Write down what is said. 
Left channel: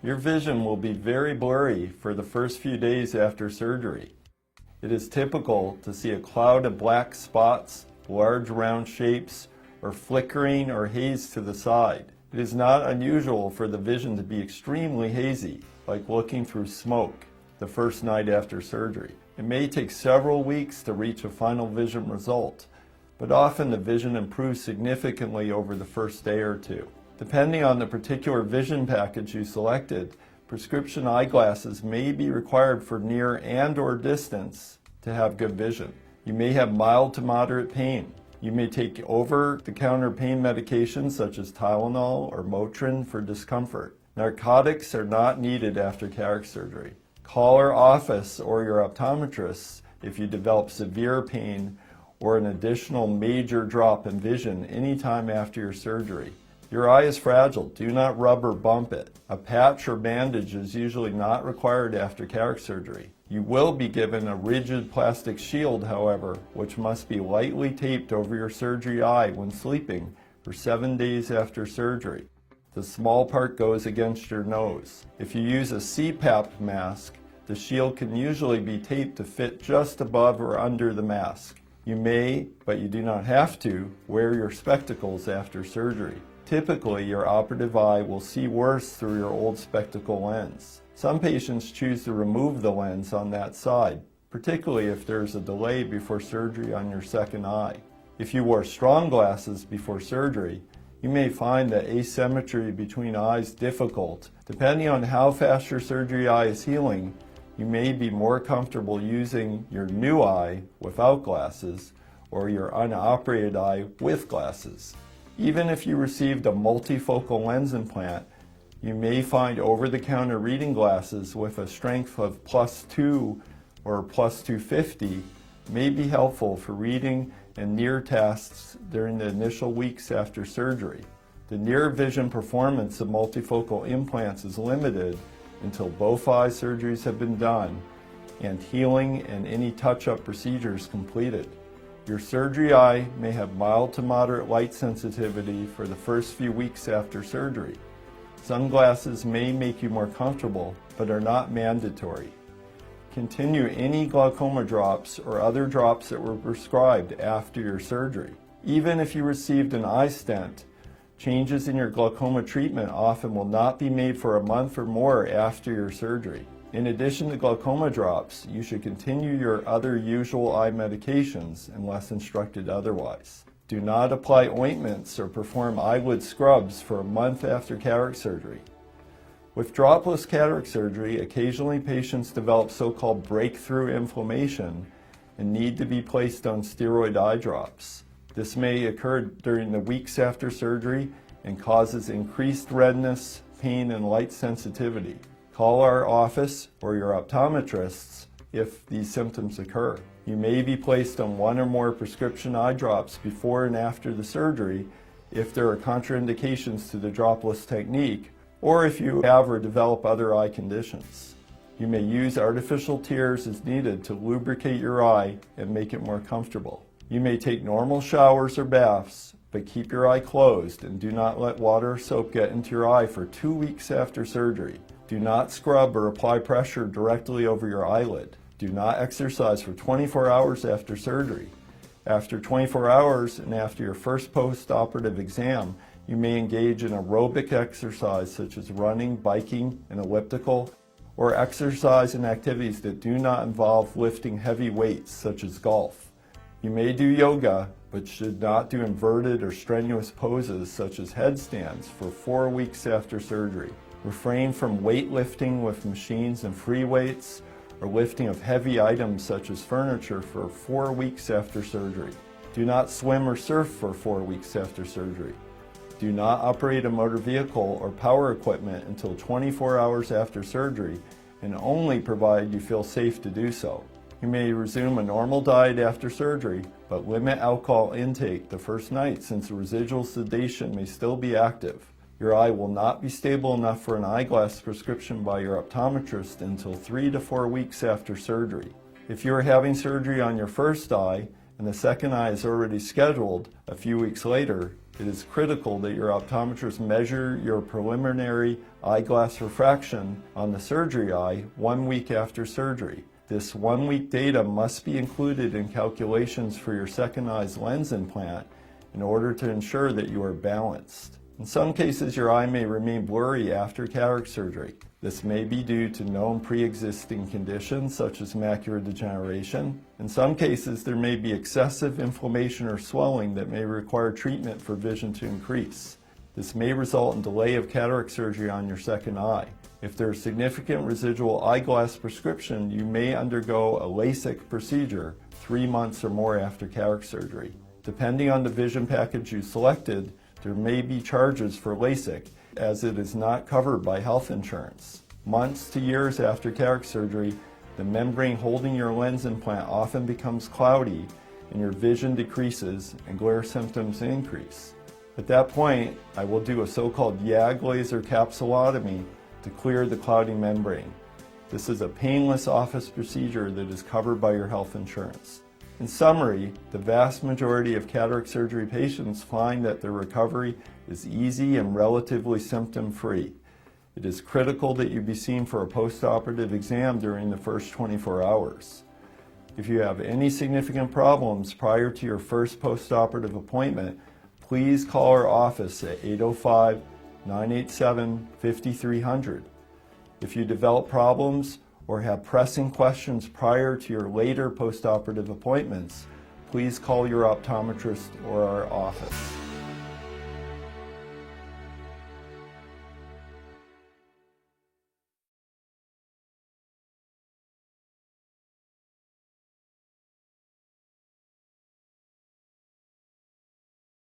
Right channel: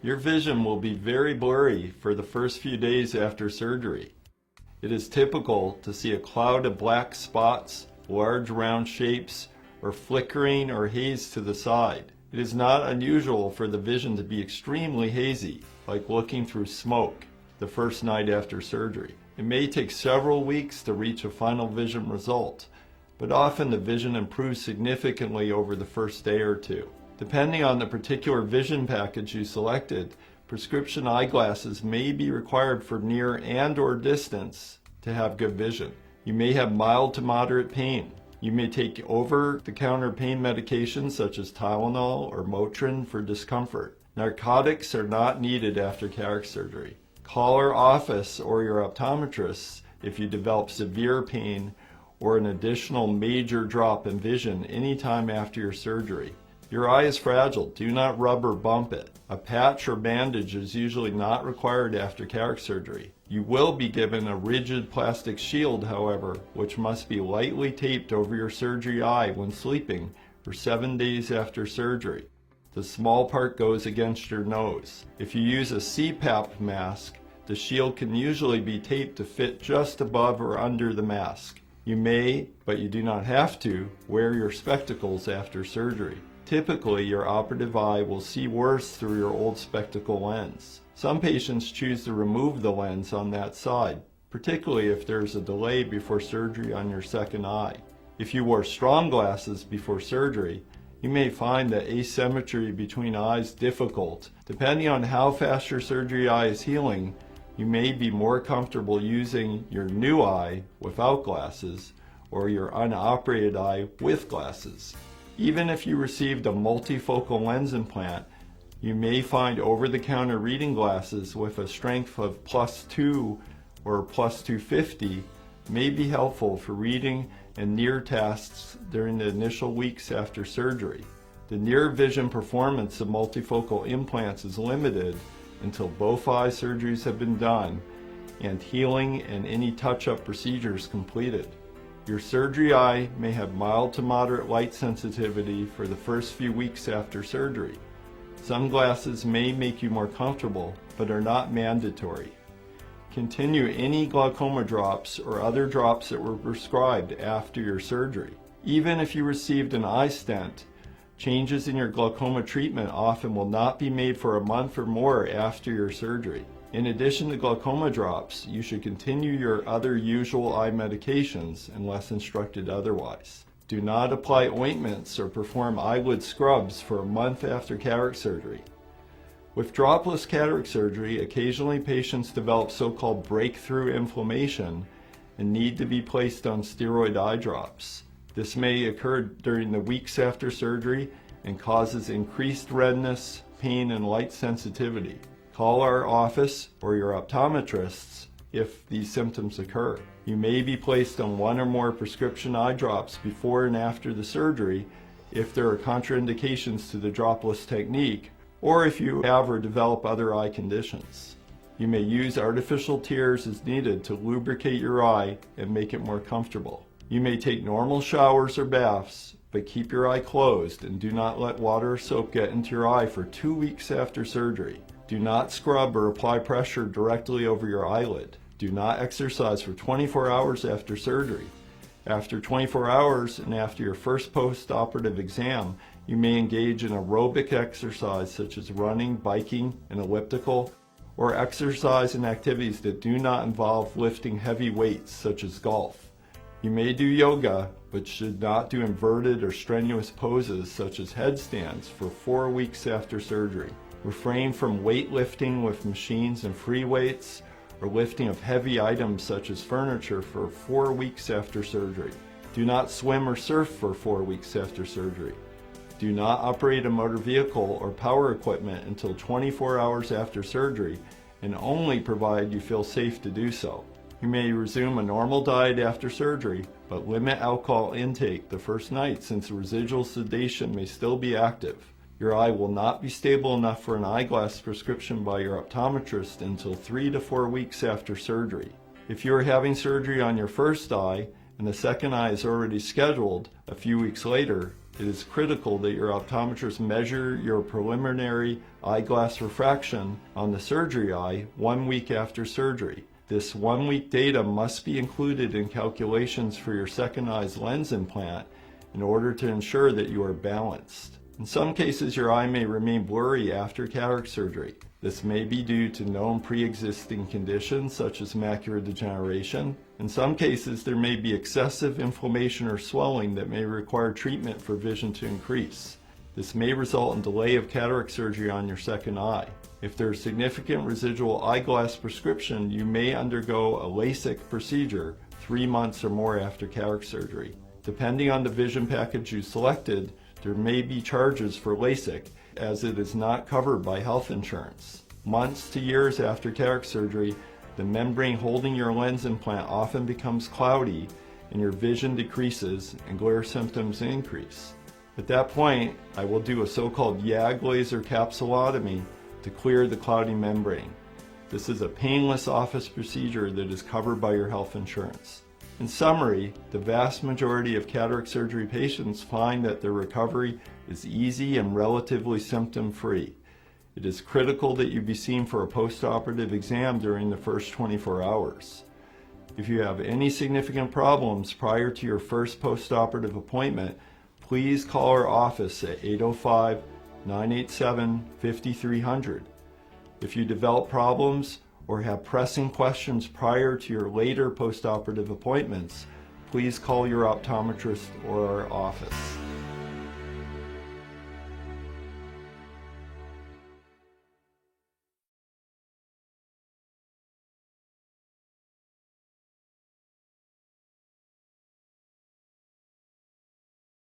Your vision will be very blurry for the first few days after surgery. It is typical to see a cloud of black spots, large round shapes, or flickering or haze to the side. It is not unusual for the vision to be extremely hazy, like looking through smoke, the first night after surgery. It may take several weeks to reach a final vision result, but often the vision improves significantly over the first day or two. Depending on the particular vision package you selected, prescription eyeglasses may be required for near and/or distance to have good vision. You may have mild to moderate pain. You may take over-the-counter pain medications such as Tylenol or Motrin for discomfort. Narcotics are not needed after cataract surgery. Call our office or your optometrist if you develop severe pain or an additional major drop in vision anytime after your surgery. Your eye is fragile. Do not rub or bump it. A patch or bandage is usually not required after cataract surgery. You will be given a rigid plastic shield, however, which must be lightly taped over your surgery eye when sleeping for 7 days after surgery. The small part goes against your nose. If you use a CPAP mask, the shield can usually be taped to fit just above or under the mask. You may, but you do not have to, wear your spectacles after surgery. Typically, your operative eye will see worse through your old spectacle lens. Some patients choose to remove the lens on that side, particularly if there is a delay before surgery on your second eye. If you wore strong glasses before surgery, you may find the asymmetry between eyes difficult. Depending on how fast your surgery eye is healing, you may be more comfortable using your new eye without glasses or your unoperated eye with glasses. Even if you received a multifocal lens implant, you may find over-the-counter reading glasses with a strength of +2 or +250 may be helpful for reading and near tasks during the initial weeks after surgery. The near vision performance of multifocal implants is limited until both eye surgeries have been done and healing and any touch-up procedures completed. Your surgery eye may have mild to moderate light sensitivity for the first few weeks after surgery. Some glasses may make you more comfortable, but are not mandatory. Continue any glaucoma drops or other drops that were prescribed after your surgery. Even if you received an eye stent, changes in your glaucoma treatment often will not be made for a month or more after your surgery. In addition to glaucoma drops, you should continue your other usual eye medications unless instructed otherwise. Do not apply ointments or perform eyelid scrubs for a month after cataract surgery. With dropless cataract surgery, occasionally patients develop so-called breakthrough inflammation and need to be placed on steroid eye drops. This may occur during the weeks after surgery and causes increased redness, pain, and light sensitivity. Call our office or your optometrists if these symptoms occur. You may be placed on one or more prescription eye drops before and after the surgery if there are contraindications to the dropless technique, or if you have or develop other eye conditions. You may use artificial tears as needed to lubricate your eye and make it more comfortable. You may take normal showers or baths, but keep your eye closed and do not let water or soap get into your eye for 2 weeks after surgery. Do not scrub or apply pressure directly over your eyelid. Do not exercise for 24 hours after surgery. After 24 hours and after your first post-operative exam, you may engage in aerobic exercise such as running, biking, and elliptical, or exercise and activities that do not involve lifting heavy weights such as golf. You may do yoga, but should not do inverted or strenuous poses such as headstands for 4 weeks after surgery. Refrain from weightlifting with machines and free weights, or lifting of heavy items such as furniture for 4 weeks after surgery. Do not swim or surf for 4 weeks after surgery. Do not operate a motor vehicle or power equipment until 24 hours after surgery, and only provided you feel safe to do so. You may resume a normal diet after surgery, but limit alcohol intake the first night since residual sedation may still be active. Your eye will not be stable enough for an eyeglass prescription by your optometrist until 3 to 4 weeks after surgery. If you are having surgery on your first eye and the second eye is already scheduled a few weeks later, it is critical that your optometrist measure your preliminary eyeglass refraction on the surgery eye 1 week after surgery. This 1 week data must be included in calculations for your second eye's lens implant in order to ensure that you are balanced. In some cases, your eye may remain blurry after cataract surgery. This may be due to known pre-existing conditions such as macular degeneration. In some cases, there may be excessive inflammation or swelling that may require treatment for vision to increase. This may result in delay of cataract surgery on your second eye. If there is significant residual eyeglass prescription, you may undergo a LASIK procedure 3 months or more after cataract surgery. Depending on the vision package you selected, there may be charges for LASIK, as it is not covered by health insurance. Months to years after cataract surgery, the membrane holding your lens implant often becomes cloudy and your vision decreases and glare symptoms increase. At that point, I will do a so-called YAG laser capsulotomy to clear the cloudy membrane. This is a painless office procedure that is covered by your health insurance. In summary, the vast majority of cataract surgery patients find that their recovery is easy and relatively symptom-free. It is critical that you be seen for a post-operative exam during the first 24 hours. If you have any significant problems prior to your first post-operative appointment, please call our office at 805-987-5300. If you develop problems or have pressing questions prior to your later post-operative appointments, please call your optometrist or our office.